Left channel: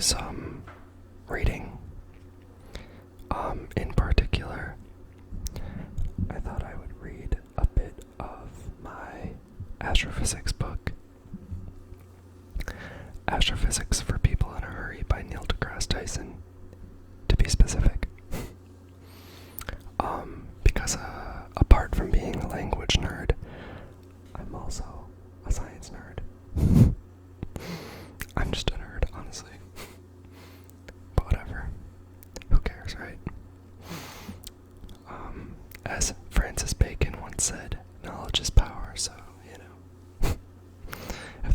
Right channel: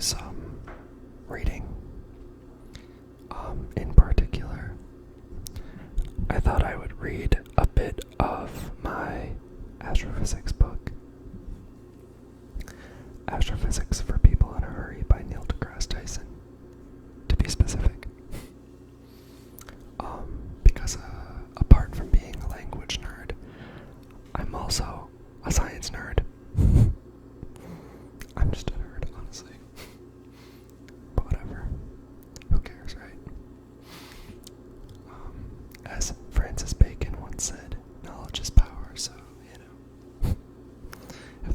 some reading. In particular, I thought I would read a bit of my astrophysics book. Astrophysics for People in a Hurry by Neil DeGrasse Tyson, to be specific. Because apart from being a language nerd, I'm also a science nerd. I'm just a nerd, honestly. But whatever. Who cares, right? As Francis Bacon once said, knowledge is power, so, if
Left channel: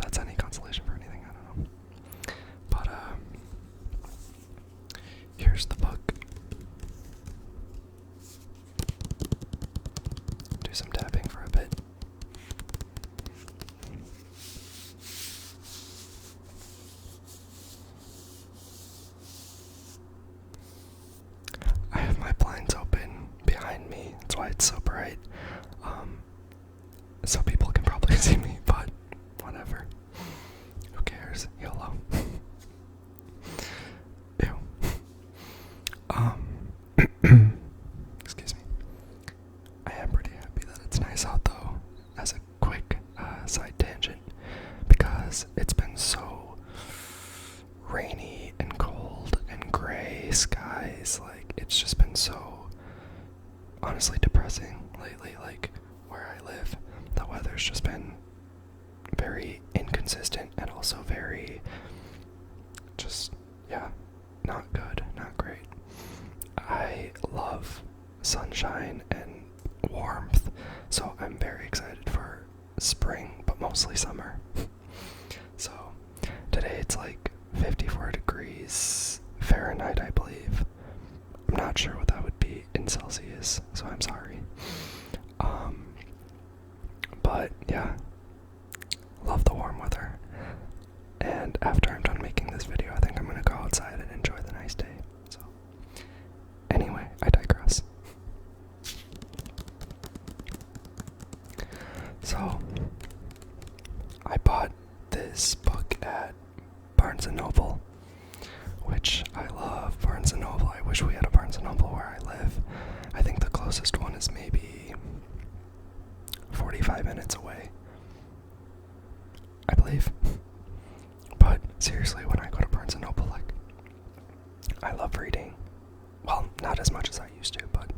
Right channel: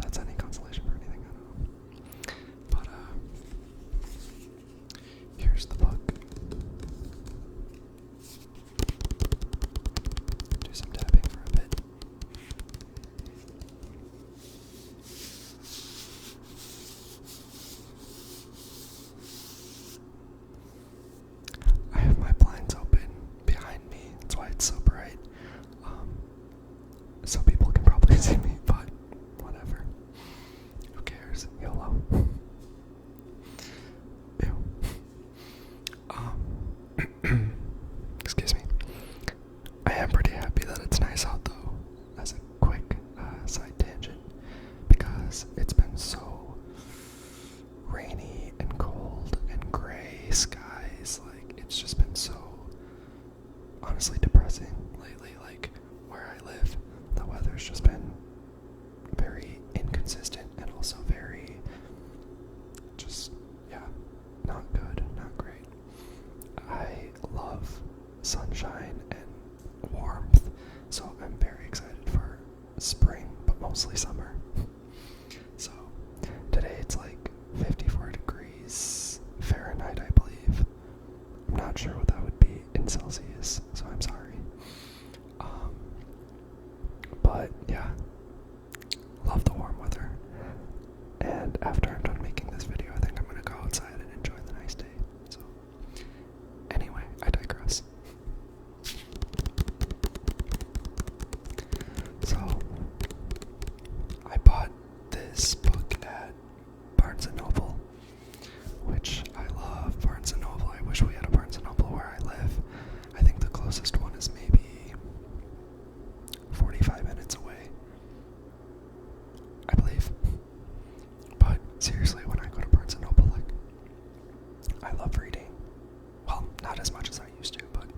that's any consolation for anything, I don't know. But, here's the book. Do some tapping for a bit. I have my blinds open behind me, that's why it's so bright. So people can probably see me, but whatever. Who cares? YOLO. Ew. Excuse me. I am pretty happy that it's nice out though, as a quick side tangent, because it's been so rainy and cold and gray skies. Like, it's just been so honestly depressing lately. Like, where I live, the weather's just been very inconsistent and also very just, not good, not great. I love sunshine and warmth, so I'm very excited for spring, but mostly summer. So today it's like 54 degrees Fahrenheit, I believe. I'm not sure what that would be in Celsius, so I'm sorry. But yeah, love the warm weather. And after I'm done making this video, I think I'm gonna go outside and enjoy the nice day. So anyway, I digress. So I bought this book at Barnes & Noble, which I love Barnes & Noble. I wish we had a Barnes & Noble where I live. I think the closest one is maybe 45 minutes away, I believe. But seriously, when I go to Barnes & Noble, like, I love reading. Well, not as much as I used to, but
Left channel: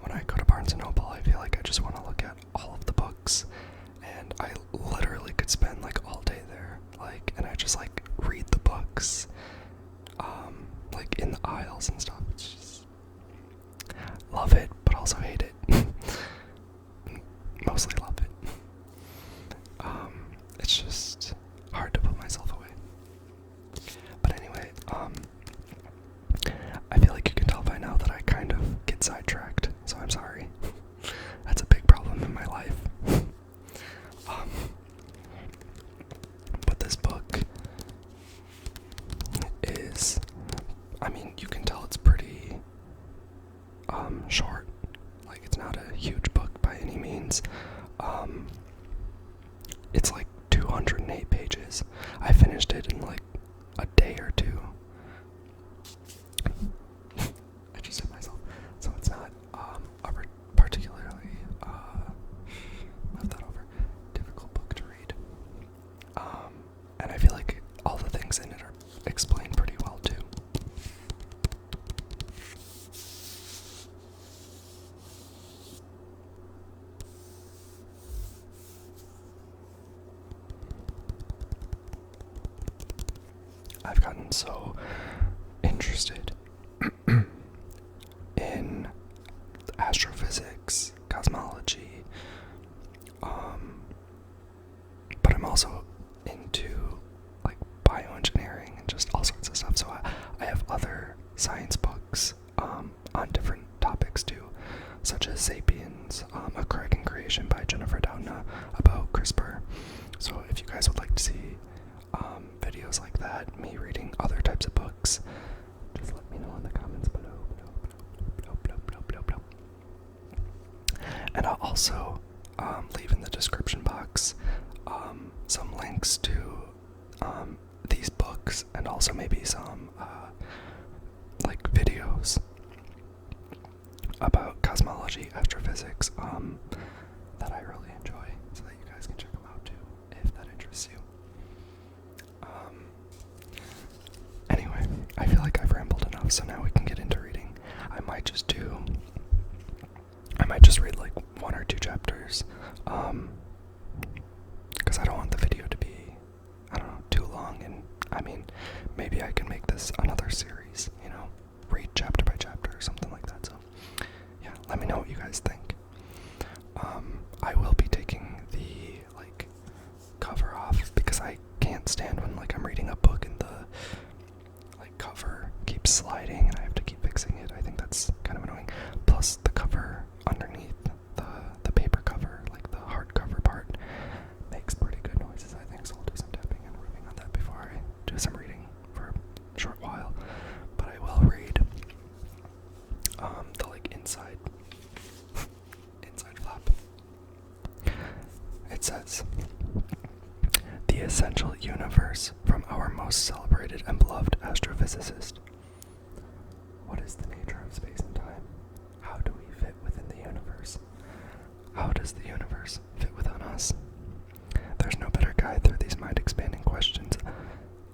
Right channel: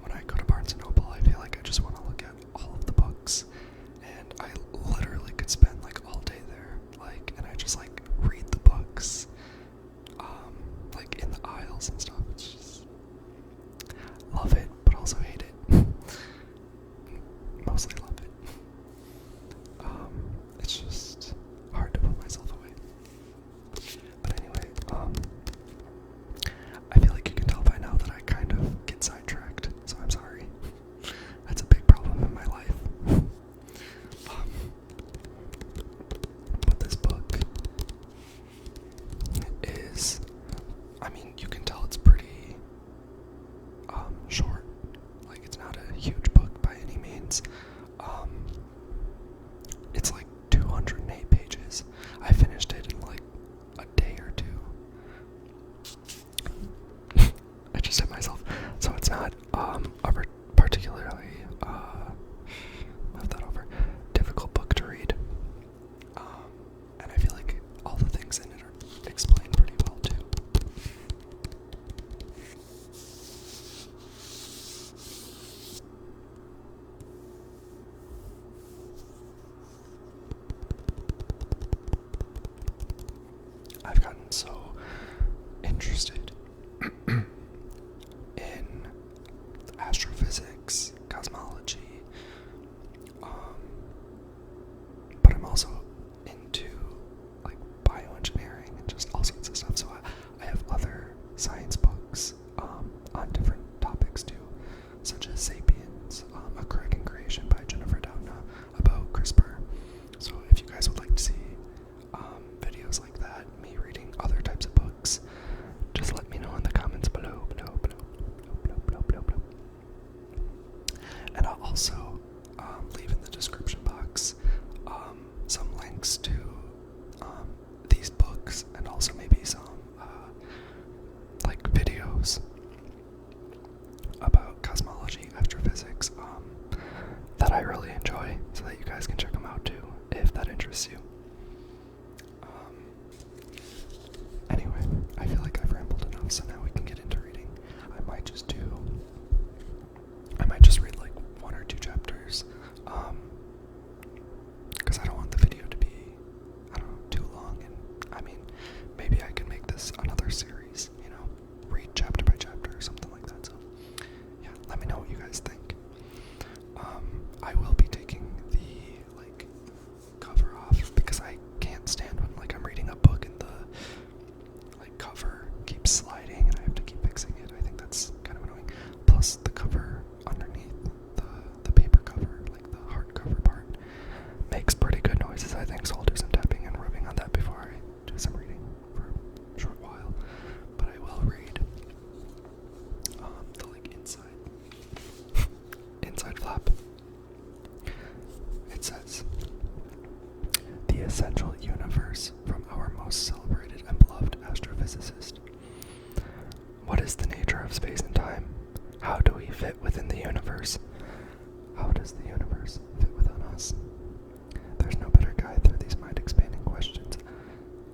when I go to Barnes & Noble, I feel like I just want to look at all of the books, and I literally could spend like all day there, like, and I just like read the books, like in the aisles and stuff. It's just, love it, but also hate it. Mostly love it. It's just hard to put myself away. But anyway, I feel like you can tell by now that I kind of get sidetracked, so I'm sorry. That's a big problem in my life. But this book is, I mean, you can tell it's pretty short. Like, it's not a huge book by any means. It's like 208 pages. I finished it in like a day or two. I just hit myself. So it's not a particularly move that over, difficult book to read. And I feel like all the things in it are explained pretty well too. I've gotten so interested in astrophysics, cosmology, but I'm also into like bioengineering and just all sorts of stuff. So I have other science books on different topics too, such as Sapiens, A Crack in Creation by Jennifer Doudna about CRISPR. So if you guys would like to see videos like that, me reading other types of books, just let me know in the comments below. And I'll also leave in the description box some links to these books books, and also maybe some like videos about cosmology, astrophysics, that I really enjoy, so that you guys can check them out too, if that interests you. Anyway, I feel like I've rambled enough, so now we can get into reading. I might just read like 1 or 2 chapters, because I don't want the video to be, I don't know, too long, and I mean, maybe I can make this another series, you know, read chapter by chapter or something like that. So yeah, let me know what you guys think. I will be taking the like cover off, because I can't stand when like I'm reading a book and the like cover keeps sliding and I have to keep fixing it. I think that's kind of annoying. Plus the cover underneath the paper cover, like the hardcover part, makes pretty good noises, I think, so I'll do some tapping and rubbing on that before I do some reading for a short while. But I will read the like inside flap. It says, "The essential universe from our most celebrated and beloved astrophysicist. What is the nature of space and time? How do we fit within the universe? How does the universe fit within us? There's no better guide through these mind-expanding questions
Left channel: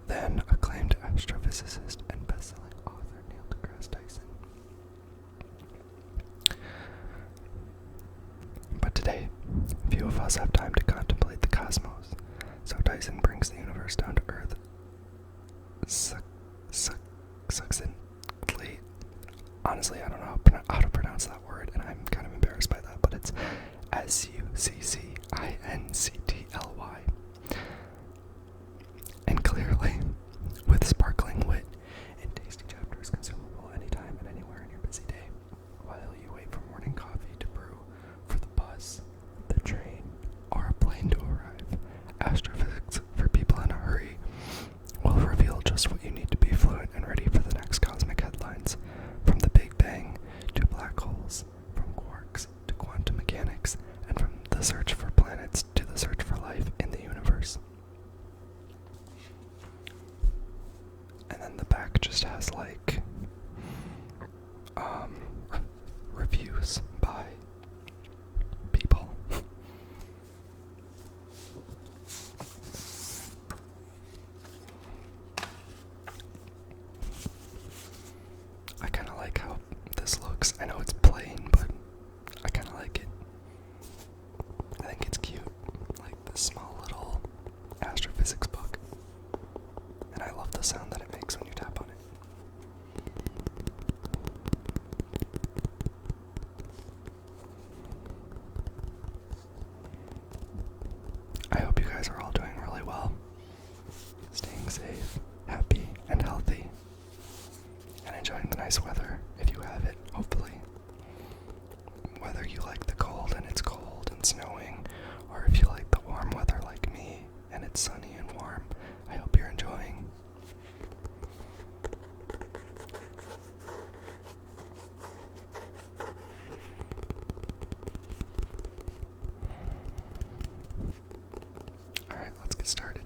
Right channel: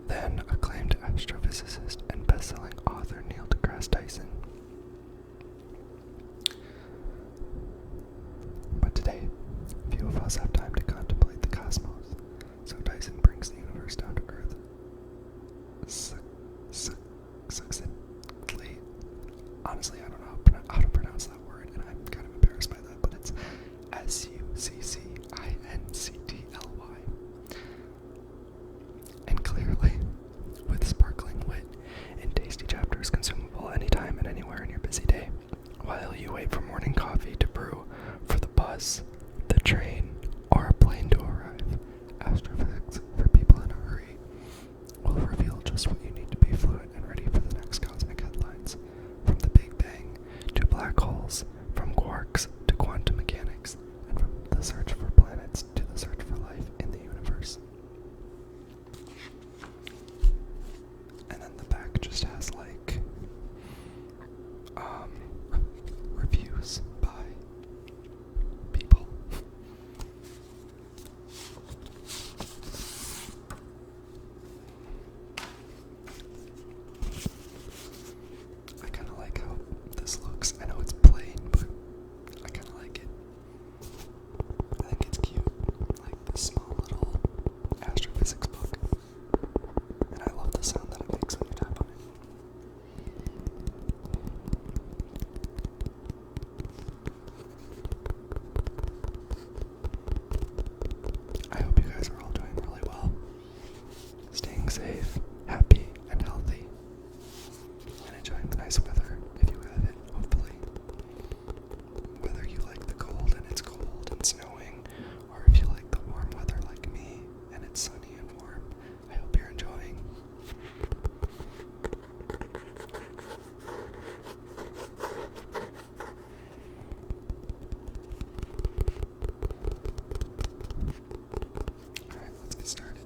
than acclaimed astrophysicist and best-selling author Neil deGrasse Tyson. But today, few of us have time to contemplate the cosmos, so Tyson brings the universe down to earth succinctly." Honestly, I don't know how to pronounce that word, and I'm kind of embarrassed by that, but it's Succinctly. And clearly, with sparkling wit and tasty chapters consumable anytime and anywhere in your busy day, while you wait for morning coffee to brew, for the bus, the train, or a plane to arrive, Astrophysics for people in a hurry will reveal just what you need to be fluent and ready for the next cosmic headlines. From the Big Bang to black holes, from quarks to quantum mechanics, and from the search for planets to the search for life in the universe. And then the back just has like reviews by people. I kind of like how this looks. I know it's plain, but I kind of like it. I think it's cute, like this small little astrophysics book. And I love the sound that it makes when you tap on it. I hope you guys are all doing really well, staying safe, happy, and healthy, and enjoying the nice weather if you have it, hopefully. Whether you like the cold and it's cold and snowing, or if you like the warm weather like me and it's sunny and warm, I hope you're enjoying. Alright, let's get started.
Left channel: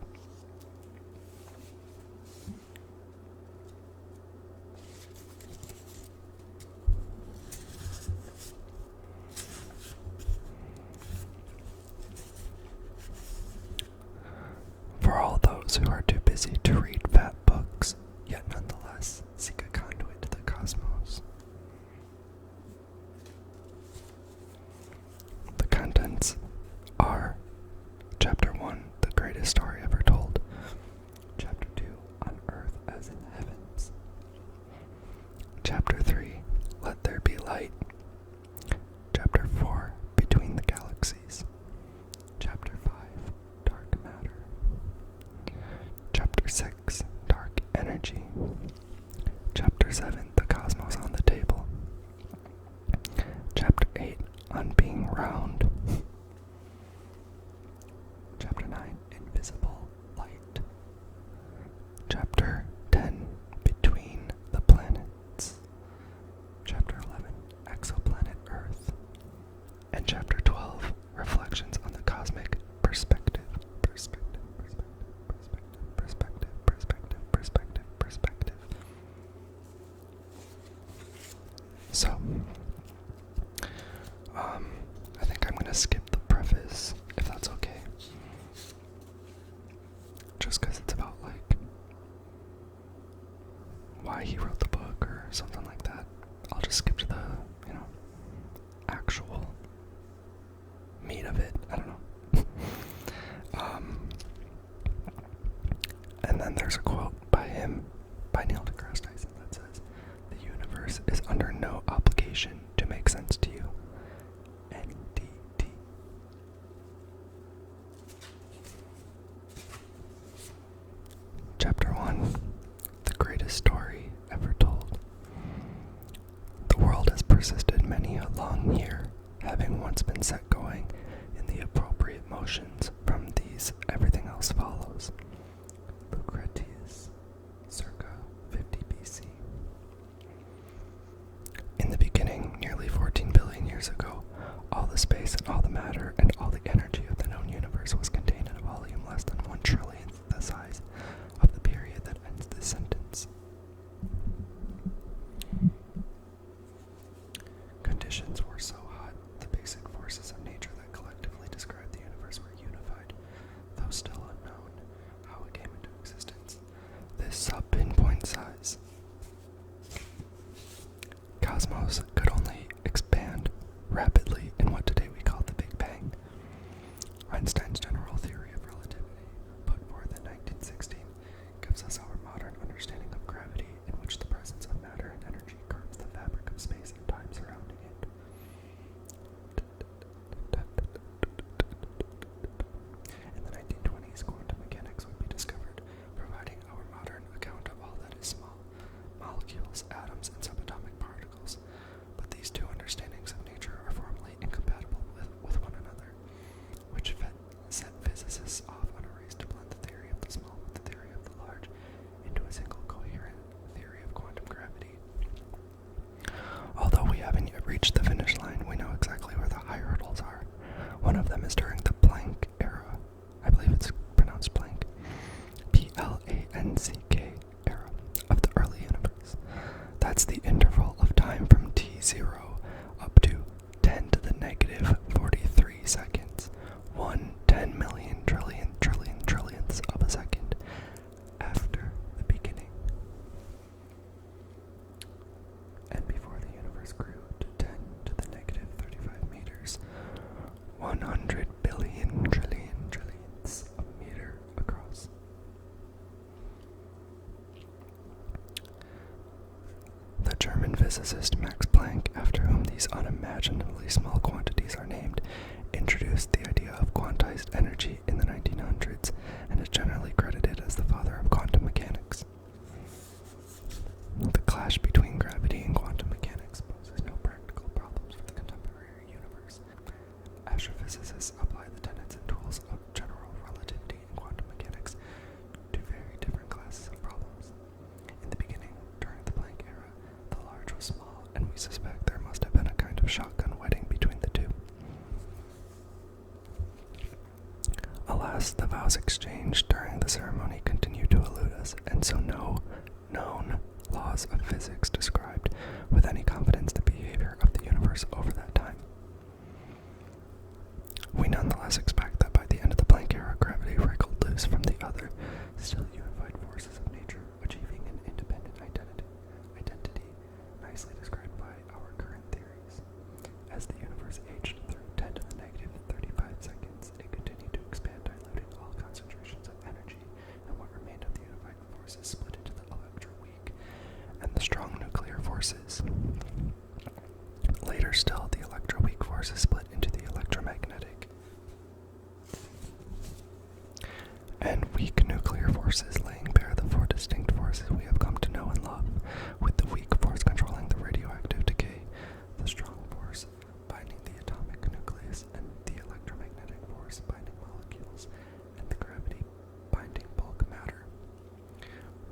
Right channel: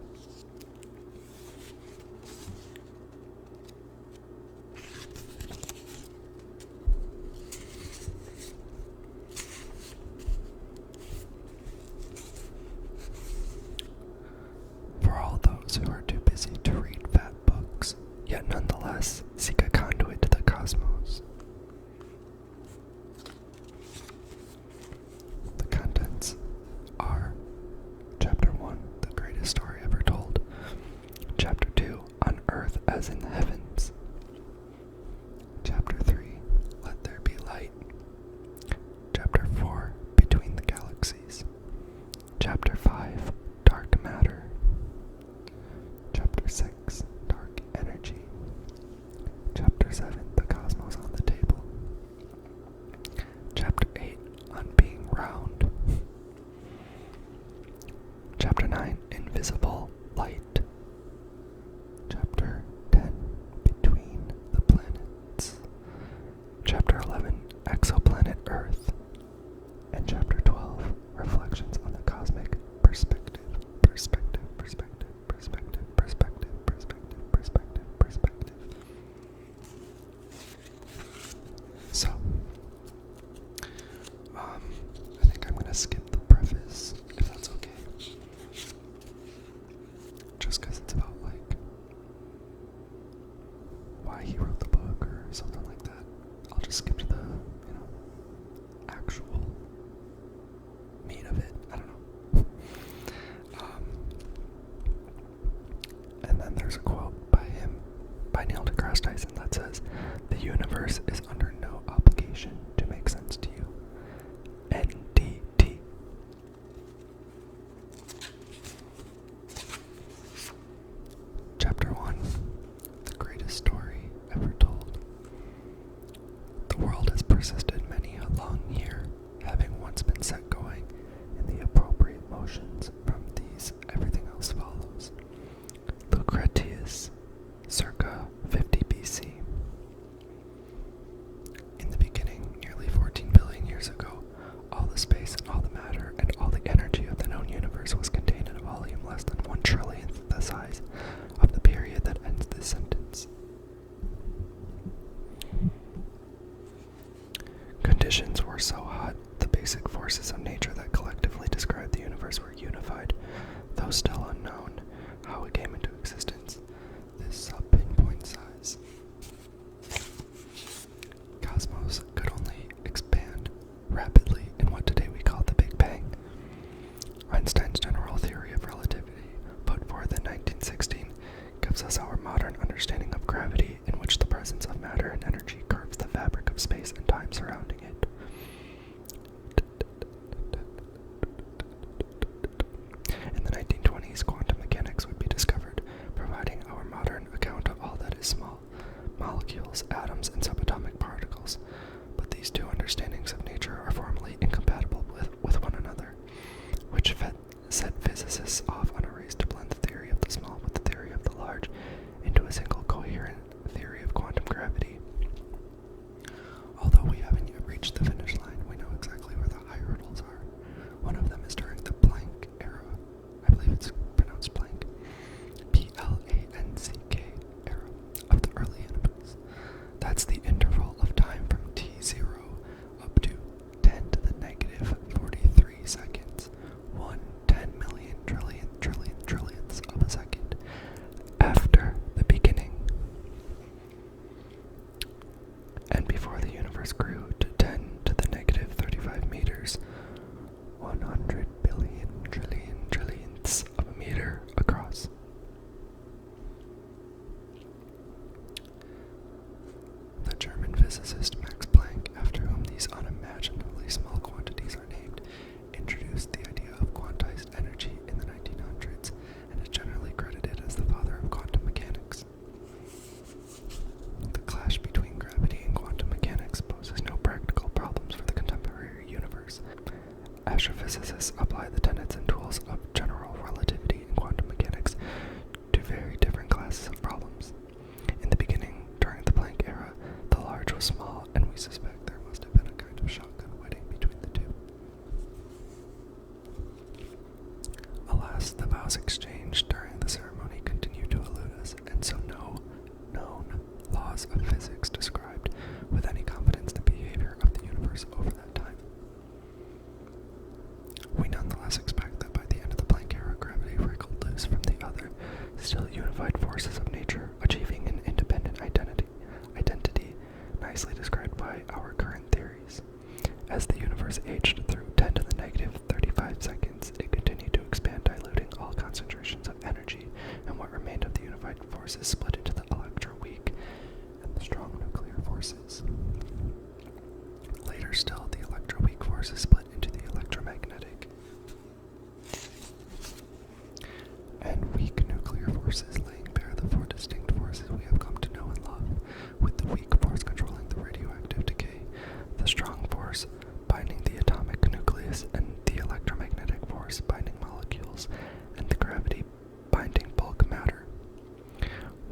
For all those who are too busy to read fat books, yet nonetheless seek a conduit to the cosmos. The contents are Chapter 1, The Greatest Story Ever Told. Chapter 2, On Earth as in the Heavens. Chapter 3, Let There Be Light. Chapter 4, Between the Galaxies. Chapter 5, Dark Matter. Chapter 6, Dark Energy. Chapter 7, The Cosmos on the Table. Chapter 8, On Being Round. Chapter 9, Invisible Light. Chapter 10, Between the Planets. Chapter 11, Exoplanet Earth. And Chapter 12, Reflections on the Cosmic Perspective. Perspective. just because it's about like why he wrote the book or something like that, I'll just skip to the, actual meat of it. I don't know. And then there's a quote by Neil deGrasse Tyson, that says, "The universe is under no obligation to make sense to you." NDT. Chapter 1. The greatest story ever told. The world has persisted many a long year, having once been set going in the appropriate motions. From these, everything else follows. Lucretius, circa 50 BC. In the beginning, nearly 14 billion years ago, all the space and all the matter and all the energy of the known universe was contained in a volume less than 1/trillionth the size of the period that ends this sentence. Conditions were so hot, the basic forces of nature that collectively describe the universe were unified, though still unknown how it came into existence. This sub-pinpoint size cosmos could only expand rapidly in what today we call the Big Bang. Einstein's general theory of relativity, put forth in 1916, gives us our modern understanding of gravity, in which the presence of matter and energy curves the fabric of space and time surrounding it. In the 1920s, quantum mechanics would be discovered, providing our modern account of all that is small, molecules, atoms, and subatomic particles. But these two understandings of nature are formally incompatible with one another, which set physicists off on a race to blend the theory of the small with the theory of the large into a single coherent theory of quantum gravity. Although we haven't yet reached the finish line, we know exactly where the high hurdles are. One of them is during the Planck era. I believe it's pronounced Planck. Planck era of the early universe. That's the interval of time from t0 up to 10 to the negative 43 seconds. 1/10 million trillionths of a second after the beginning. And before the universe grew to 10 to the negative 35 meters, 100 billion trillionths of a meter across. The German physicist Max Planck, after whom these unimaginably small quantities are named, introduced the idea of quantized energy in the 1900s and is generally credited as the father of quantum mechanics. The clash between gravity and quantum mechanics poses no practical problems for the contemporary universe. Astrophysicists apply the tenets and tools of general relativity and quantum mechanics to very different classes of problems. In the beginning, during the Planck era, the large was small, and we suspect there must have been a kind of shotgun wedding between the two. Alas, the vows exchanged during the ceremony continue to elude us, and so no known laws of physics described with any confidence the behavior of the universe over that time. We nonetheless expect that by the end of the Planck era, gravity wriggled loose from the other, still unified forces of nature, achieving an independent identity nicely described by our current theories. As the universe aged through 10 to the negative 35 seconds, it continued to expand, diluting all concentrations of energy, and what remained of the unified forces split into the electroweak and the strong nuclear forces. Later still, the electroweak forces split into the electromagnetic and weak nuclear forces, laying bare the four distinct forces we have come to know and love, with the weak force controlling the radioactive decay, the strong force binding the atomic nucleus, and the electromagnetic force binding molecules, and the gravity binding bulk matter.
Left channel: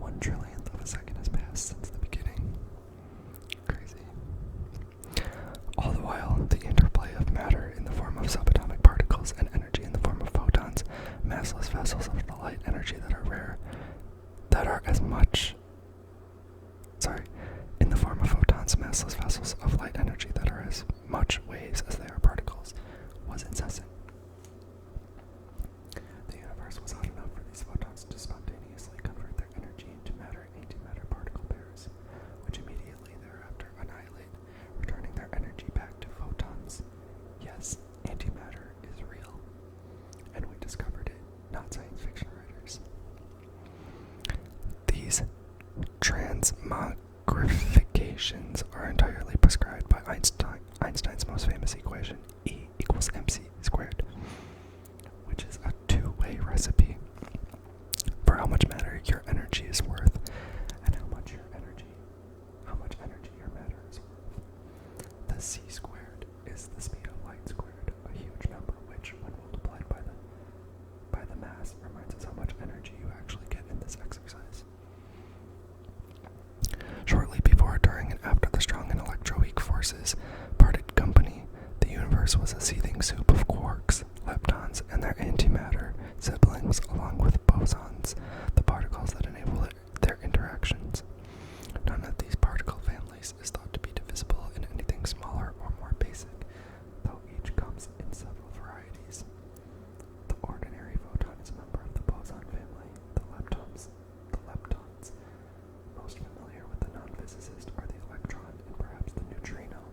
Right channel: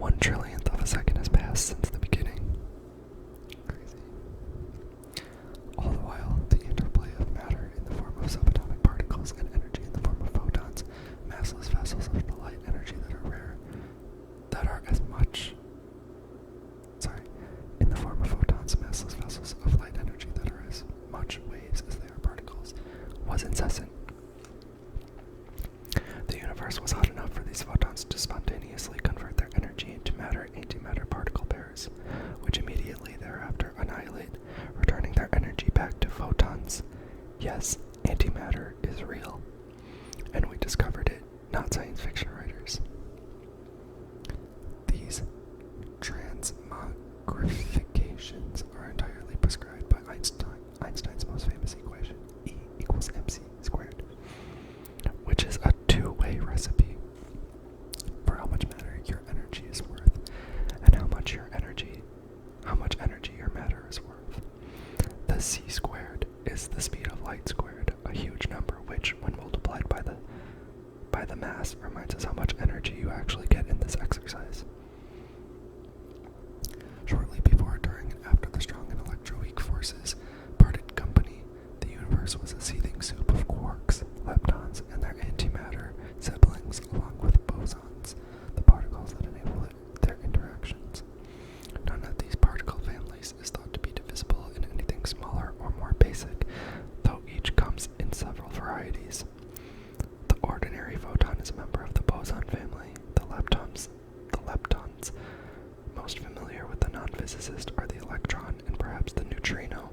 1/trillionth of a second has passed since the beginning. Crazy. All the while, the interplay of matter in the form of subatomic particles and energy in the form of photons, massless vessels of the light energy that are rare, Einstein's most famous equation, E equals mc squared, which is a two-way recipe for how much matter your energy is worth and how much energy your matter is worth. The c squared is the speed of light squared, a huge number which, when multiplied by the mass, reminds us how much energy you actually get in this exercise. Shortly before, during, and after the strong and electroweak forces parted company, the universe was a seething soup of quarks, leptons, and their antimatter siblings, along with bosons, the particles that enable their interactions. None of these particle families is thought to be divisible in anything smaller or more basic, though each comes in several varieties. The ordinary photon is a member of the boson family. The leptons, most familiar with the non-physicist, are the electron and perhaps the neutrino,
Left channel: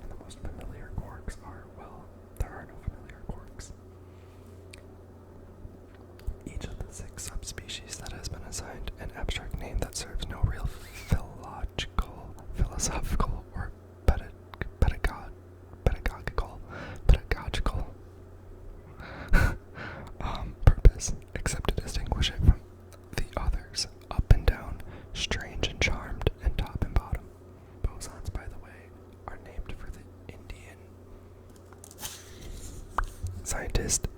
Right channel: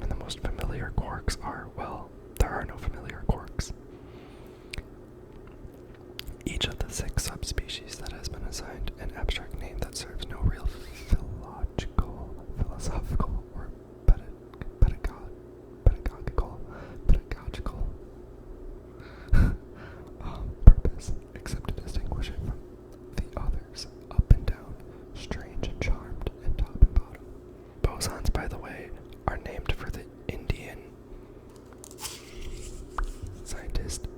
and the most familiar quarks are, well, there are no familiar quarks. Each of the 6 subspecies that has been assigned an abstract name that serves no real philosophical, or pedagogical purpose, except to distinguish it from the others: up and down, strange and charmed, and top and bottom. Bosons, by the way, are named for the Indian scientist,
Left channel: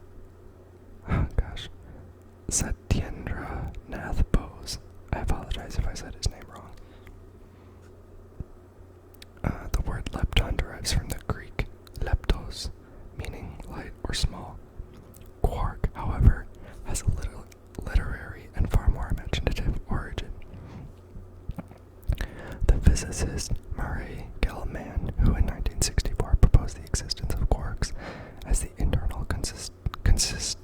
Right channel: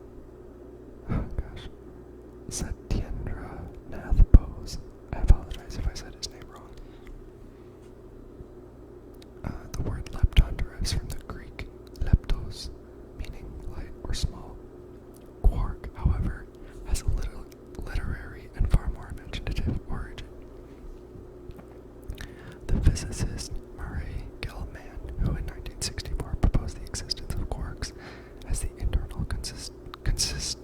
Satyendra Nath Bose. I apologize if I said his name wrong. The word lepton derives from the Greek leptos, meaning light or small. Quark, however, has a little literary and far more imaginative origin. The physicist Murray Gell-Mann, who in 1964 proposed the existence of quarks as the internal constituents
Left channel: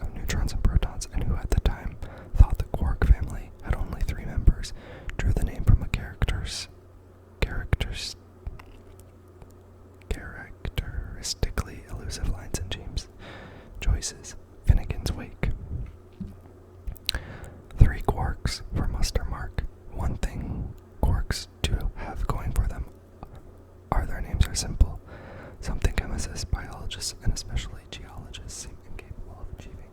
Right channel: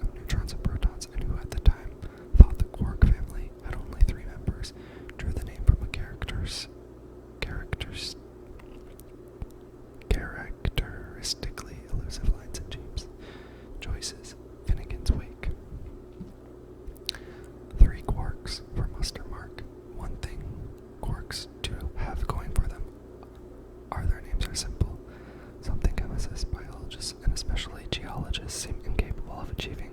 of neutrons and protons, and who at the time thought the quark family had only 3 members, drew the name from a characteristically elusive lines in James Joyce's Finnegan's Wake. 3 quarks for muster mark. One thing quarks do have going for them are their names are simple, something chemists, biologists, and especially geologists seem incapable of achieving.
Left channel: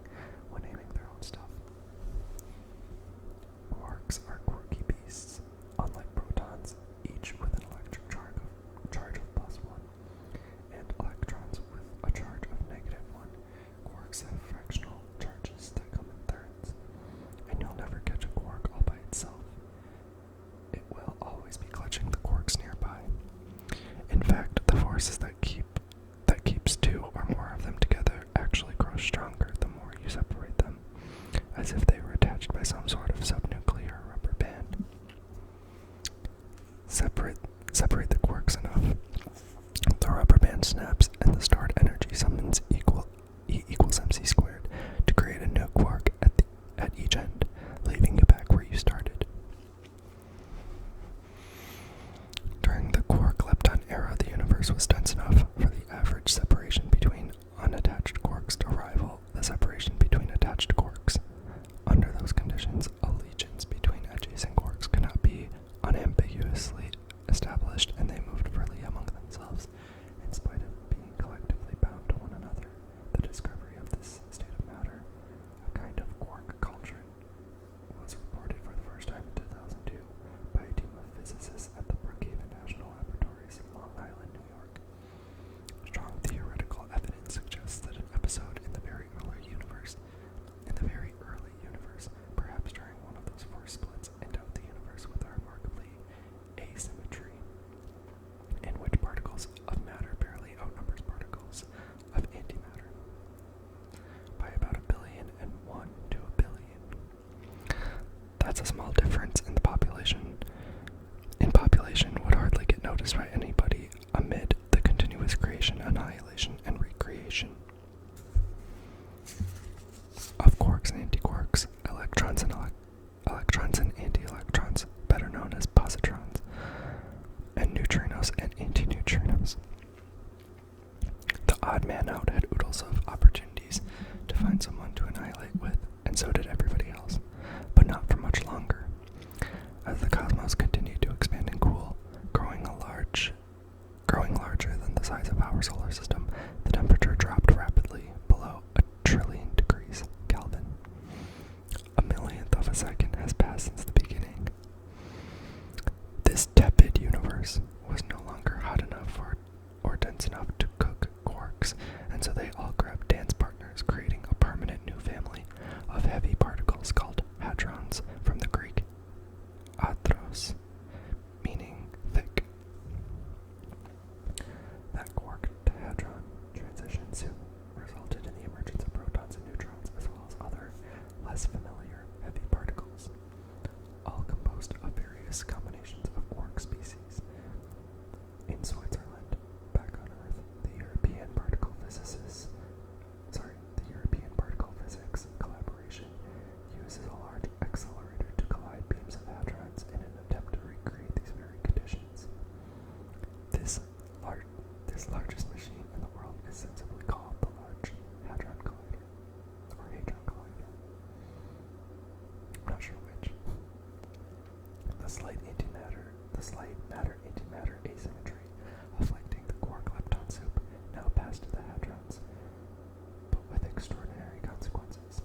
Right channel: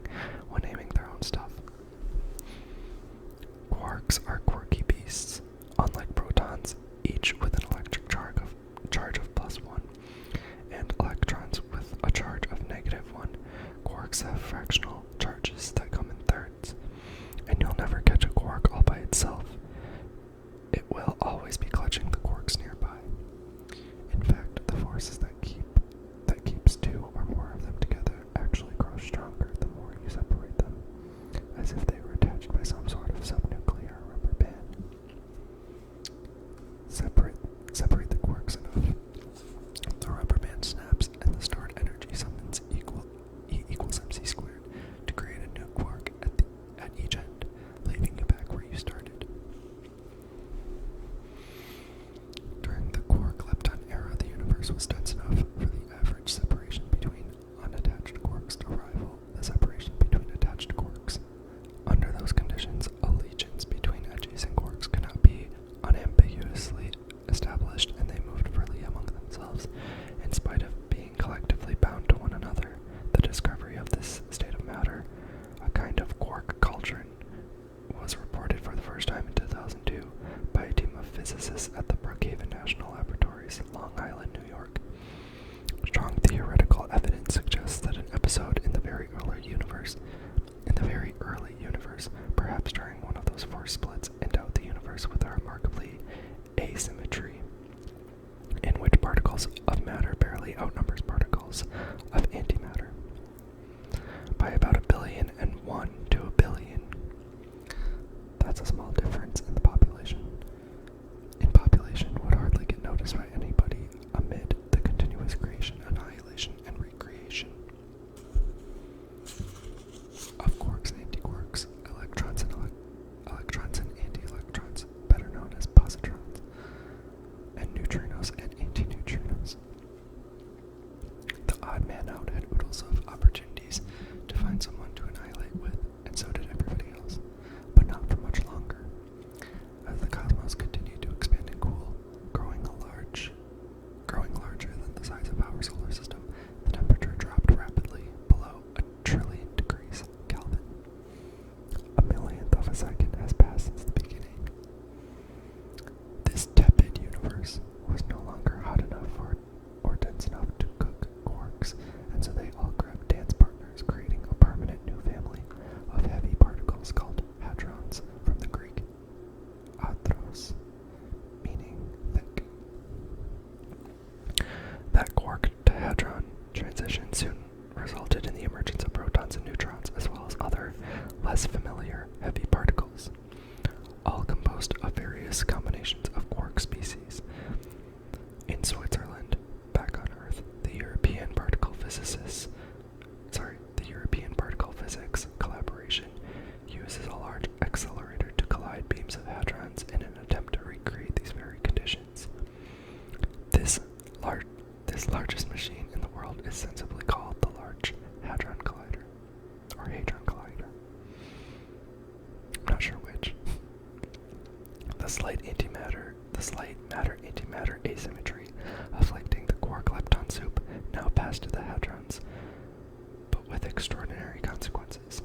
extraordinary consequences.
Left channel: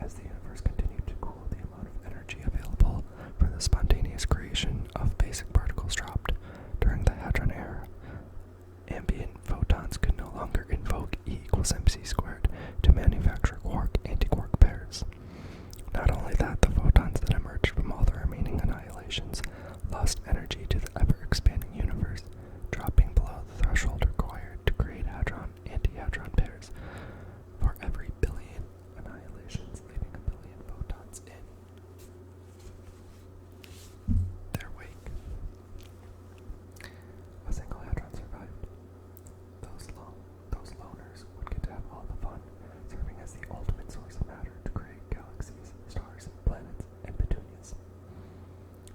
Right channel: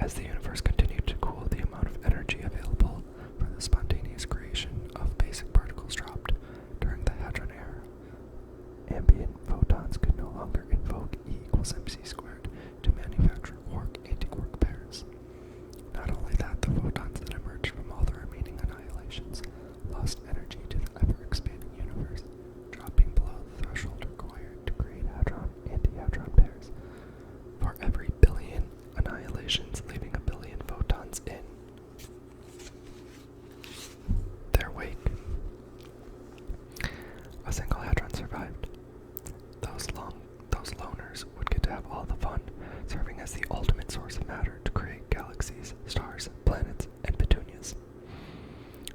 As the universe continued to cool, the amount of energy available for the spontaneous creation of basic particles dropped. During the Hadron era, ambient photons could no longer invoke E equals mc squared to manufacture quark-antiquark pairs. Not only that, the photons that emerged from all the remaining annihilations lost energy to the ever-expanding universe, dropping below the threshold required to create hadron-antihadron pairs. For every billion annihilations, leaving a billion photons in their wake, a single hadron survived. Those loners would get to have all the fun, serving as the ultimate source of matter to create galaxies, stars, planets, and petunias.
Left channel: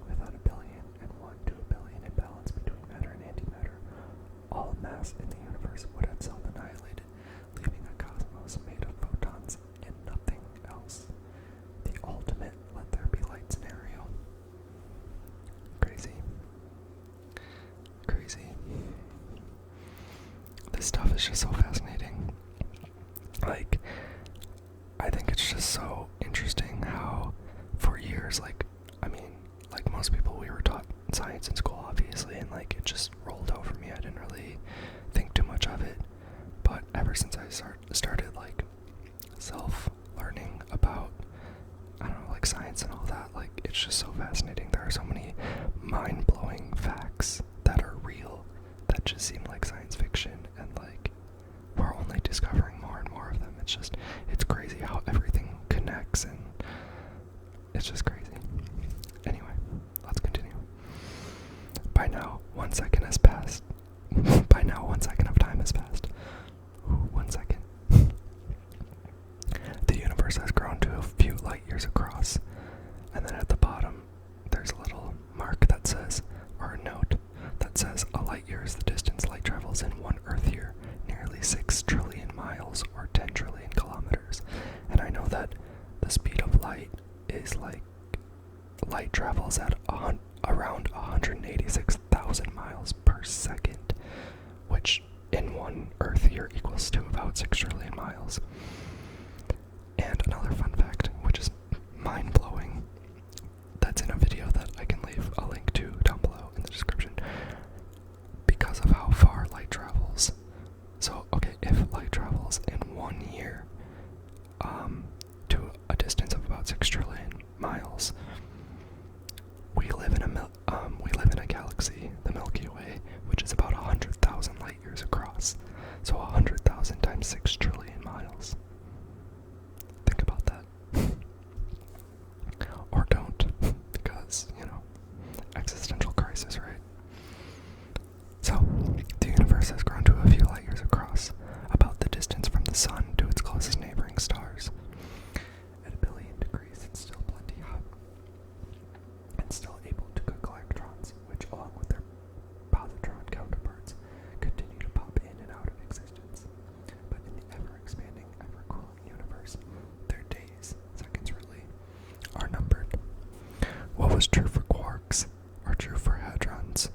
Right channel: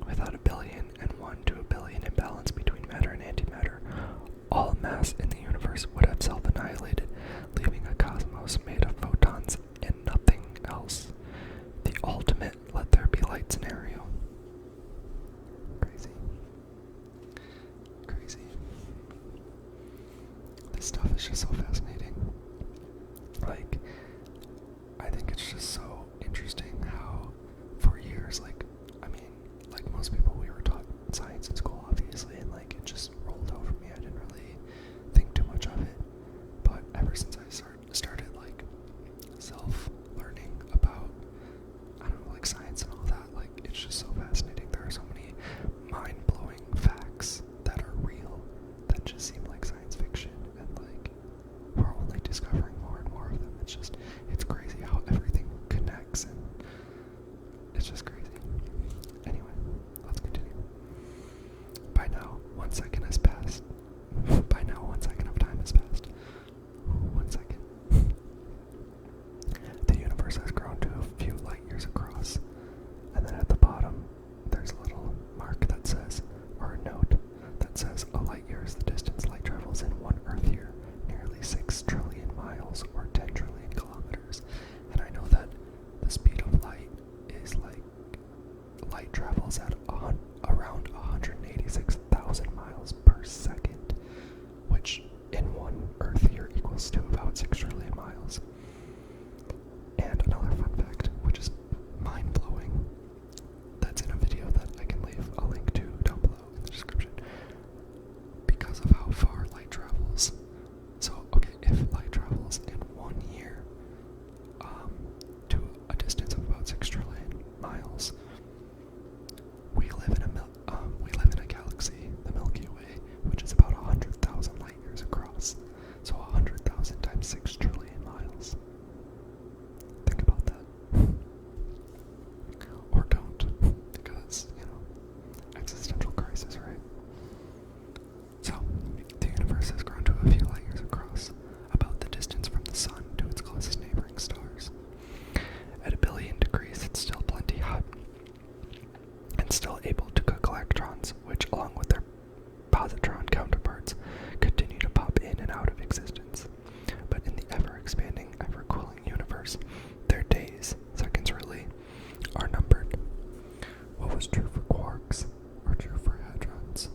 Without a billion and 1 to a billion imbalance between matter and antimatter, all mass in the universe would have self-annihilated, leaving a cosmos made of photons and nothing else. The ultimate let there be light scenario. Crazy. This stuff is just so fascinating. Like, I think it's just so interesting how, for years, like most people, we were taught science in school, obviously, and like it just rolled over me. I didn't really think too much of it. But ever since I started like self-learning about, I don't know, like science and all that, like it's just so fascinating. There are so many mind-blowing facts that are real that just seem like science fiction, and like we're only discovering more and more of them. It's crazy how everything connects, and it's just crazy. Anyway, let's continue. By now, 1 second has passed. By now, 1 second of time has passed. Ooh, 1 second. The universe has grown to a few light years across, and then at the bottom, there's a little mark that says, or a note that says, a light year is the distance light travels in 1 Earth year, nearly 6 trillion miles, or 10 trillion kilometers. And I know that the speed of light is like, light travels at around 186,000 miles per second, which in 1 Earth year equals to about 6 trillion miles. And another fun fact, which is mind-blowing, that's in a video that I can leave a link to down below in the description, because of how far light travels. So, okay, if light travels in 1 year to a distance of about 6 trillion miles, we live in a galaxy, the Milky Way, which is about 100,000 light years across. So 100,000 times 6 trillion miles. Think about that. Or don't, because, existential crisis, right? So, the universe has grown to a few light years across, about the distance from the sun to its closest neighboring stars. At 1 billion degrees, it's still plenty hot, and still able to cook electrons, which, along with their positron counterparts, continue to pop in and out of existence. But in the ever-expanding, ever-cooling universe, their days, seconds really, are numbered. What was true for quarks, or true for hadrons,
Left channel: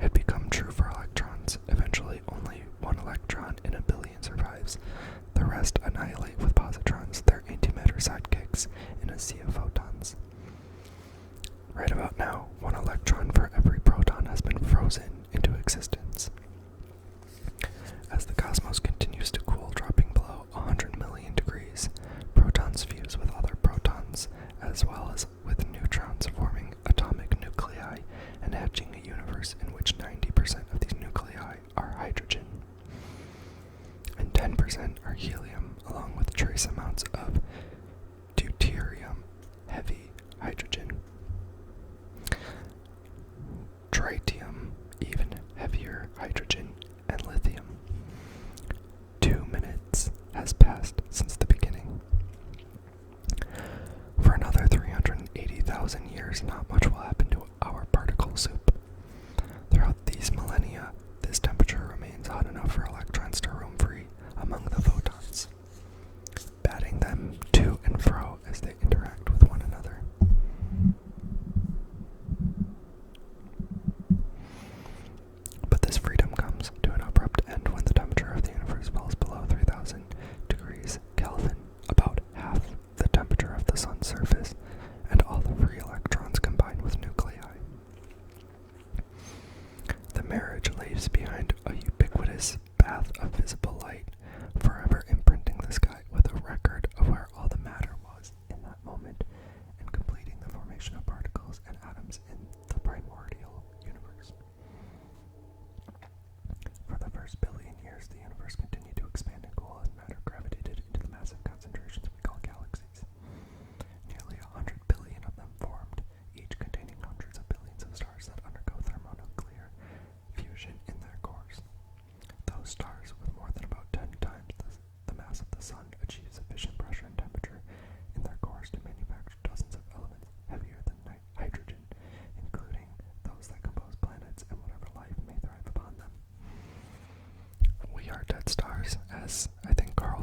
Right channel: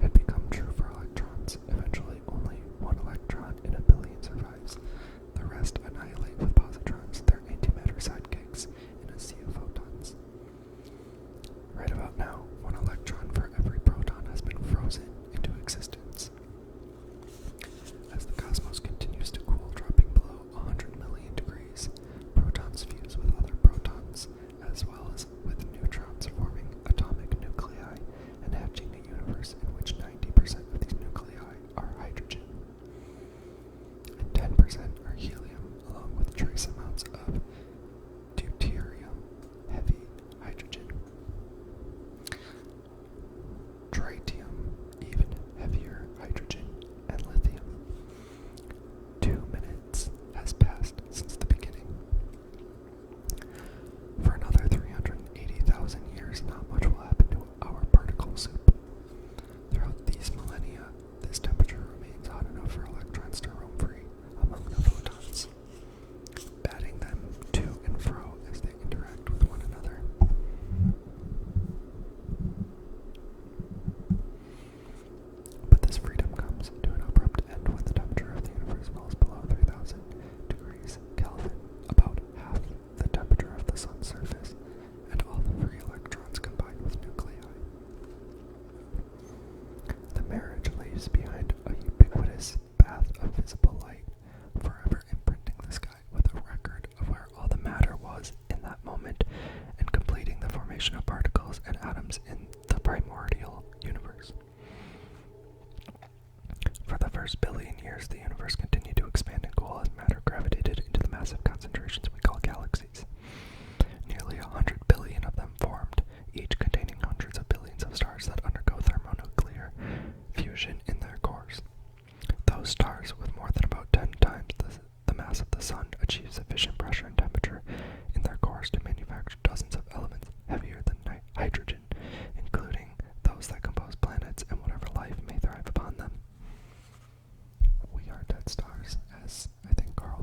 had become true for electrons. Eventually, only 1 electron in 1 billion survives. The rest annihilate with positrons, their antimatter sidekicks, in a sea of photons. Right about now, 1 electron for every proton has been frozen into existence. As the cosmos continues to cool, dropping below 100 million degrees, protons fuse with other protons, as well as with neutrons, forming atomic nuclei and hatching a universe in which 90% of these nuclei are hydrogen, and 10% are helium, along with trace amounts of deuterium, heavy hydrogen, tritium, even heavier hydrogen, and lithium. 2 minutes has passed since the beginning. For another 380,000 years, not much will happen to our particle soup. Throughout these millennia, this temperature remains hot enough for electrons to roam free among the photons, batting them to and fro as they interact with one another. But this freedom comes to an abrupt end when the temperature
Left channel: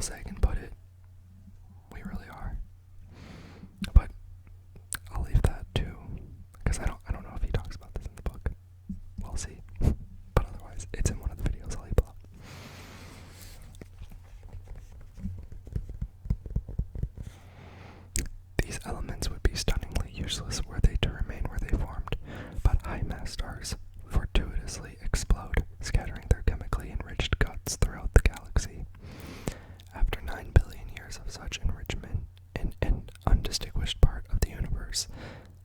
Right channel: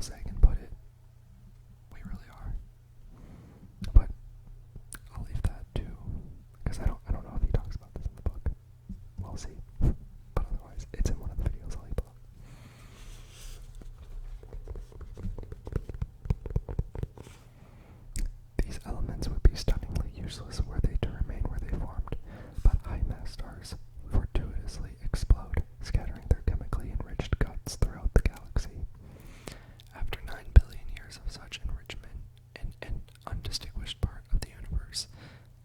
Carl Sagan put it. We really are. But I'll leave that too, because I don't know if he talks about this in the book. We'll see. But otherwise, it's in one of the videos I'll leave below. These elements would be stunningly useless were they to remain where they formed, but high-mass stars fortuitously explode, scattering their chemically enriched guts throughout the galaxy. After 9 billion years of such enrichment in an undistinguished part of the universe,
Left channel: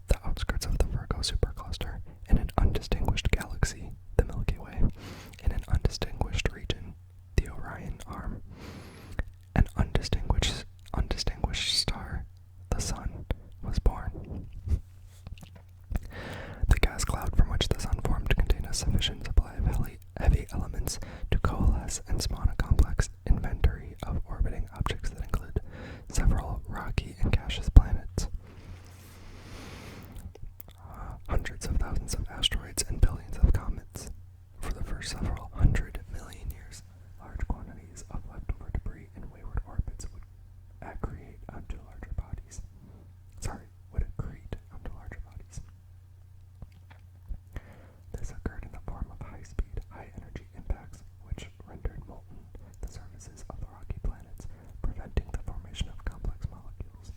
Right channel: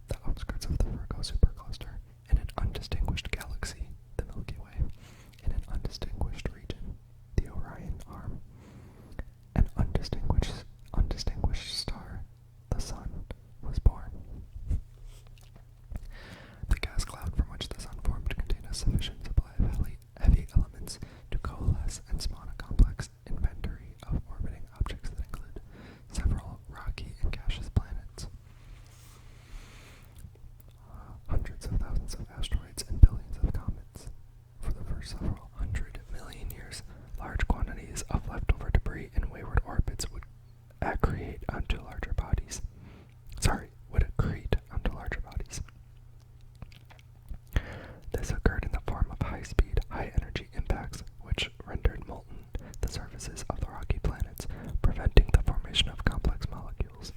the outskirts of the Virgo supercluster, in an undistinguished galaxy, the Milky Way, in an undistinguished region, the Orion Arm, an undistinguished star, the Sun, was born. The gas cloud from which the Sun formed contained a sufficient supply of heavy elements to coalesce and spawn a complex inventory of orbiting objects that include several rocky and gaseous planets, hundreds of thousands of asteroids, and billions of comets. For the first several 100 million years, large quantities of leftover debris in wayward orbits would accrete onto larger bodies. This occurred in the form of high-speed, high-energy impacts, which rendered molten the surfaces of the rocky planets, preventing the formation of complex molecules.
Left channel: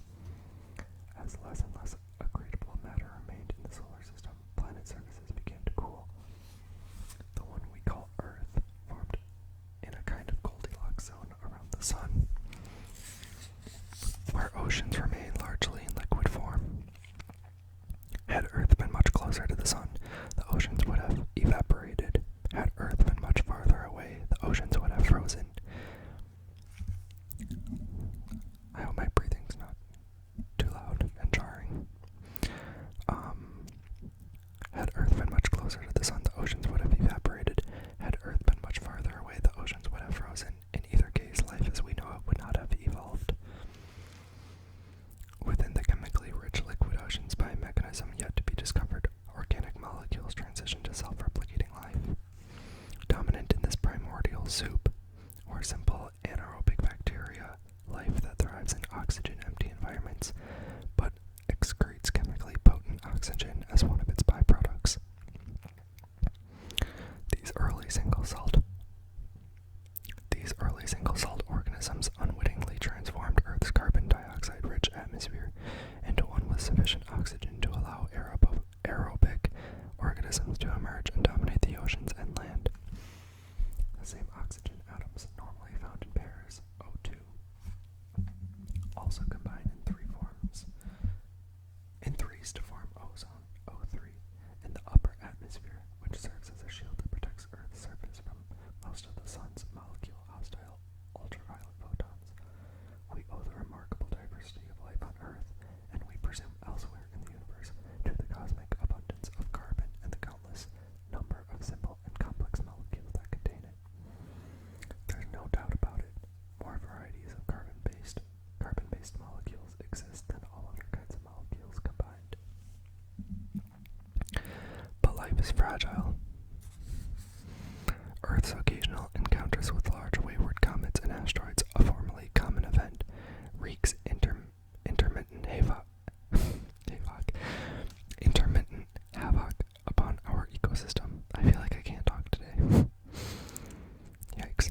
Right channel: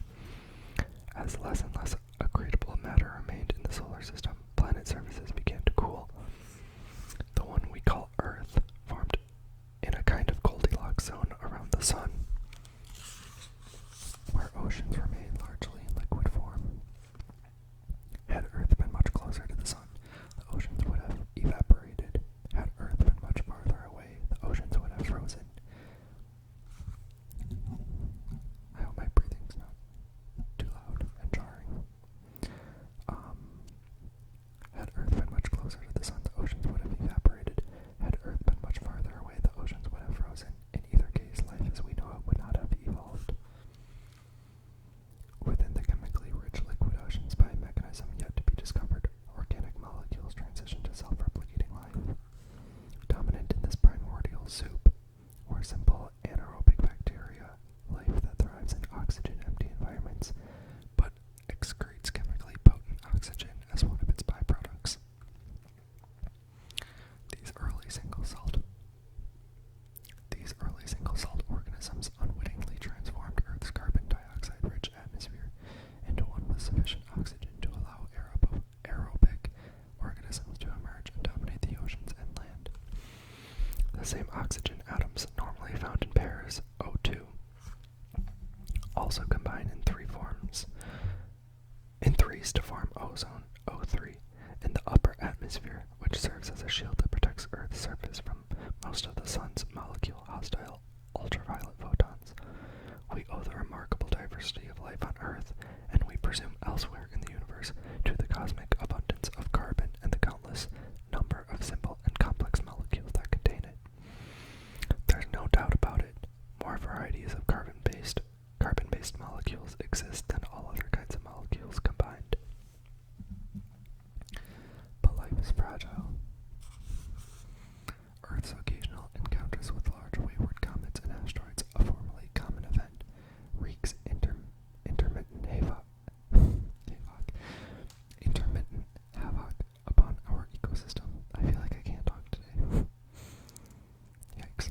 As less and less accretable matter remained in the solar system, planet surfaces began to cool. The one we call Earth formed in a kind of Goldilocks zone around the Sun, where oceans remain largely in liquid form. Had Earth been much closer to the Sun, the oceans would have evaporated. Had Earth been much farther away, the oceans would have frozen. I hope my breathing's not too loud and jarring. Had Earth been much closer to the Sun, the oceans would have evaporated. Had Earth been much farther away, the oceans would have frozen. In either case, life as we know it would not have evolved. Within the chemically rich liquid oceans, by a mechanism yet to be discovered, organic molecules transition to self-replicating life. Dominant in this primordial soup were simple anaerobic bacteria, life that thrives in oxygen-empty environments, but excretes chemically potent oxygen as one of its byproducts. These early single-celled organisms unwittingly transformed Earth's carbon dioxide-rich atmosphere into one with sufficient oxygen to allow aerobic organisms to emerge and dominate the oceans and land. The same oxygen atoms normally found in pairs, O2, also combine in threes to form ozone, O3, in the upper atmosphere, which serves as a shield that protects Earth's surface from most of the Sun's molecule-hostile ultraviolet photons. We owe the remarkable diversity of life on Earth, and we presume elsewhere in the universe, to the cosmic abundance of carbon and the countless number of simple and complex molecules that contain it. There's no doubt about it. More varieties of carbon-based molecules exist than all other kinds of molecules combined. But life is fragile. Earth's occasional encounters with large wayward comets and asteroids, a formerly common event, wreaks intermittent havoc upon our ecosystem. I feel like I can't talk today. Yikes.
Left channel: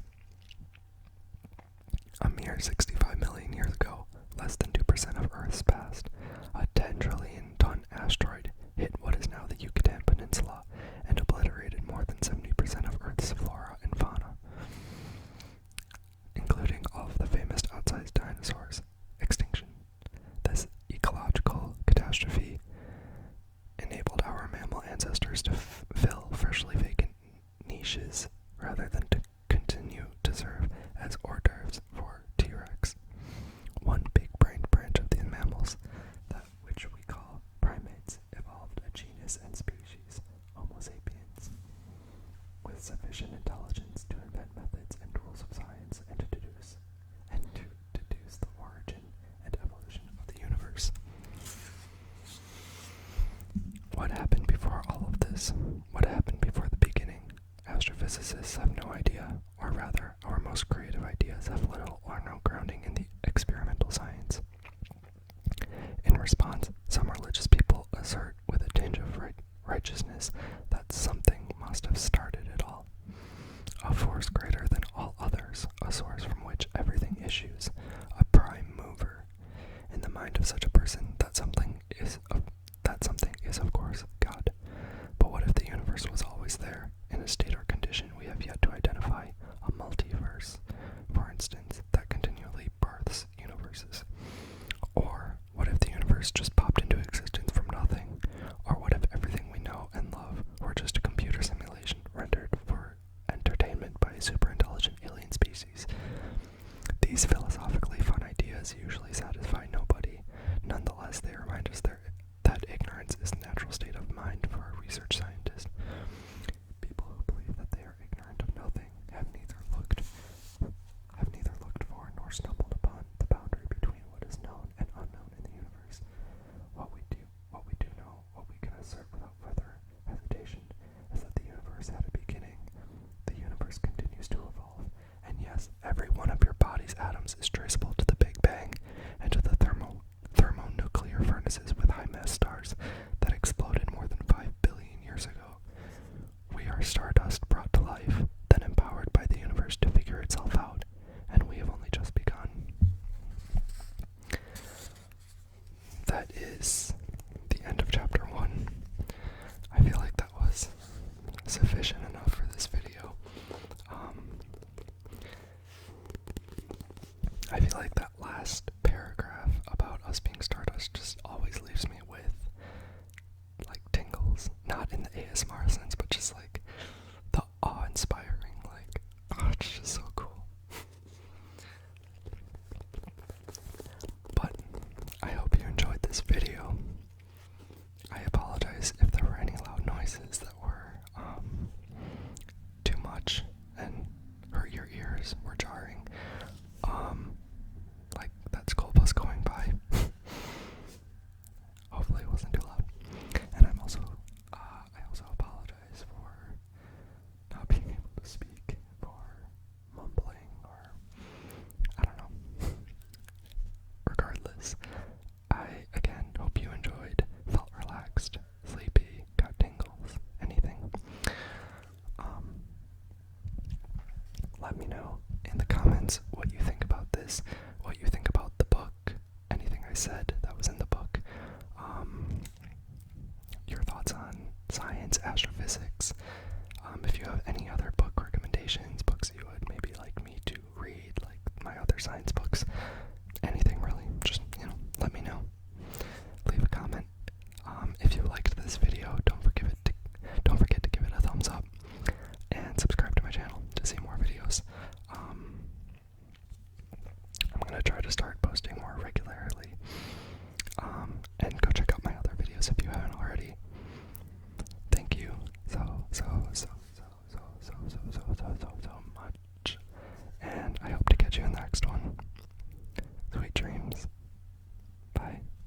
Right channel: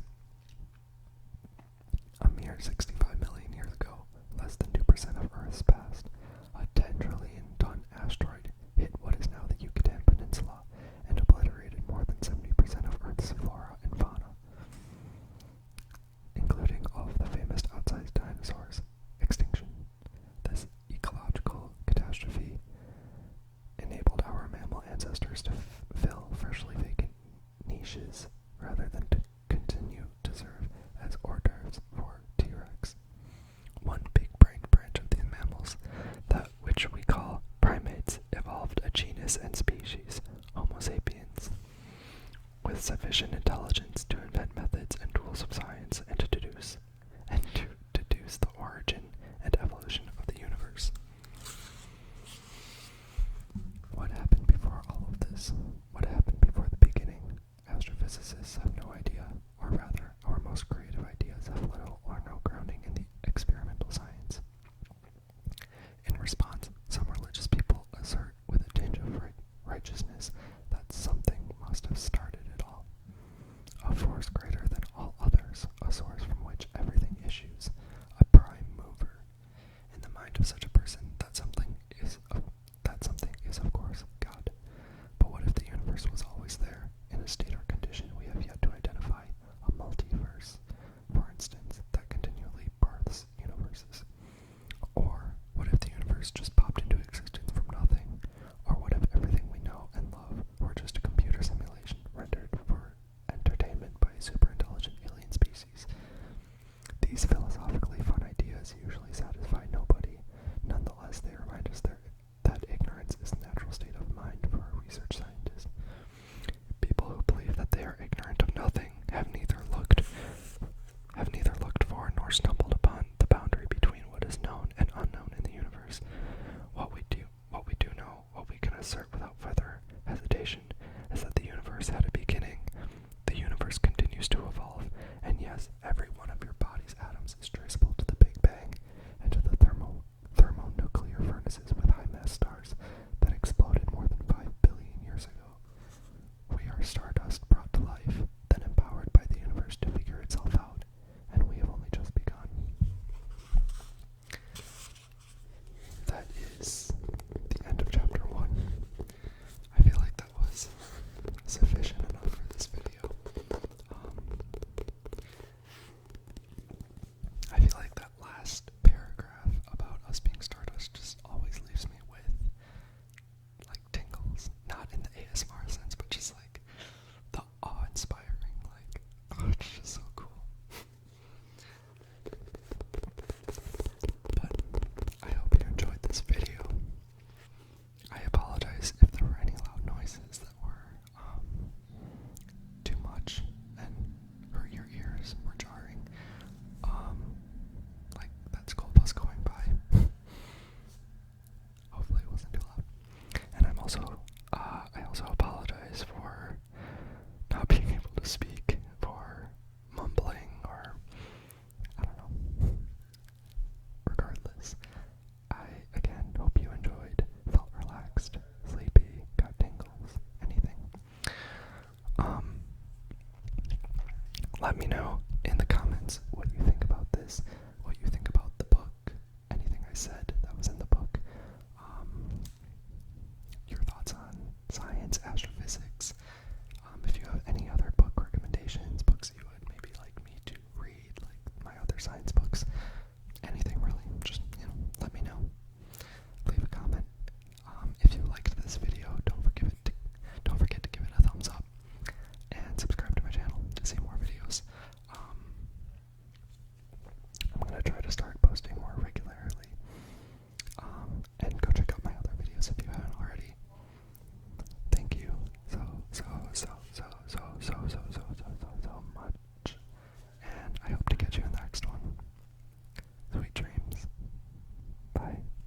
A mere 65 million years ago, less than 2% of Earth's past, a 10 trillion ton asteroid hit what is now the Yucatan Peninsula and obliterated more than 70% of Earth's flora and fauna, including all of the famous outsized dinosaurs. Extinction. This ecological catastrophe enabled our mammal ancestors to fill freshly vacant niches rather than to continue to serve as hors d'oeuvres for T-Rex. One big-brained branch of these mammals, the Yes, every one of your body's atoms is traceable to the Big Bang and to the thermonuclear furnaces with high mass stars that exploded more than 5 billion years ago. We are stardust brought to life, then empowered by the universe to figure itself out, and we have only just begun. That is the end of chapter 1. I feel like that was sufficient enough for this video. I feel like that last paragraph about us being stardust just always leaves me with like tingles, not in the ASMR sense, but just like the awe-inspiring, like, oh, it's just so cool. But I hope you enjoyed this video. I apologize if there were any loud noises that were too much and hurt your ears, were jarring. Like that school bus going by. Hopefully it wasn't too loud. And I also apologize for not being able to speak, for mumbling, or I don't know. Regardless, I again hope you enjoyed, felt relaxed, sleepy, got tingles, anything. Let me know in the comments what you think about this, what you think about the book, anything I said that was in the book, your thoughts on science, astrophysics,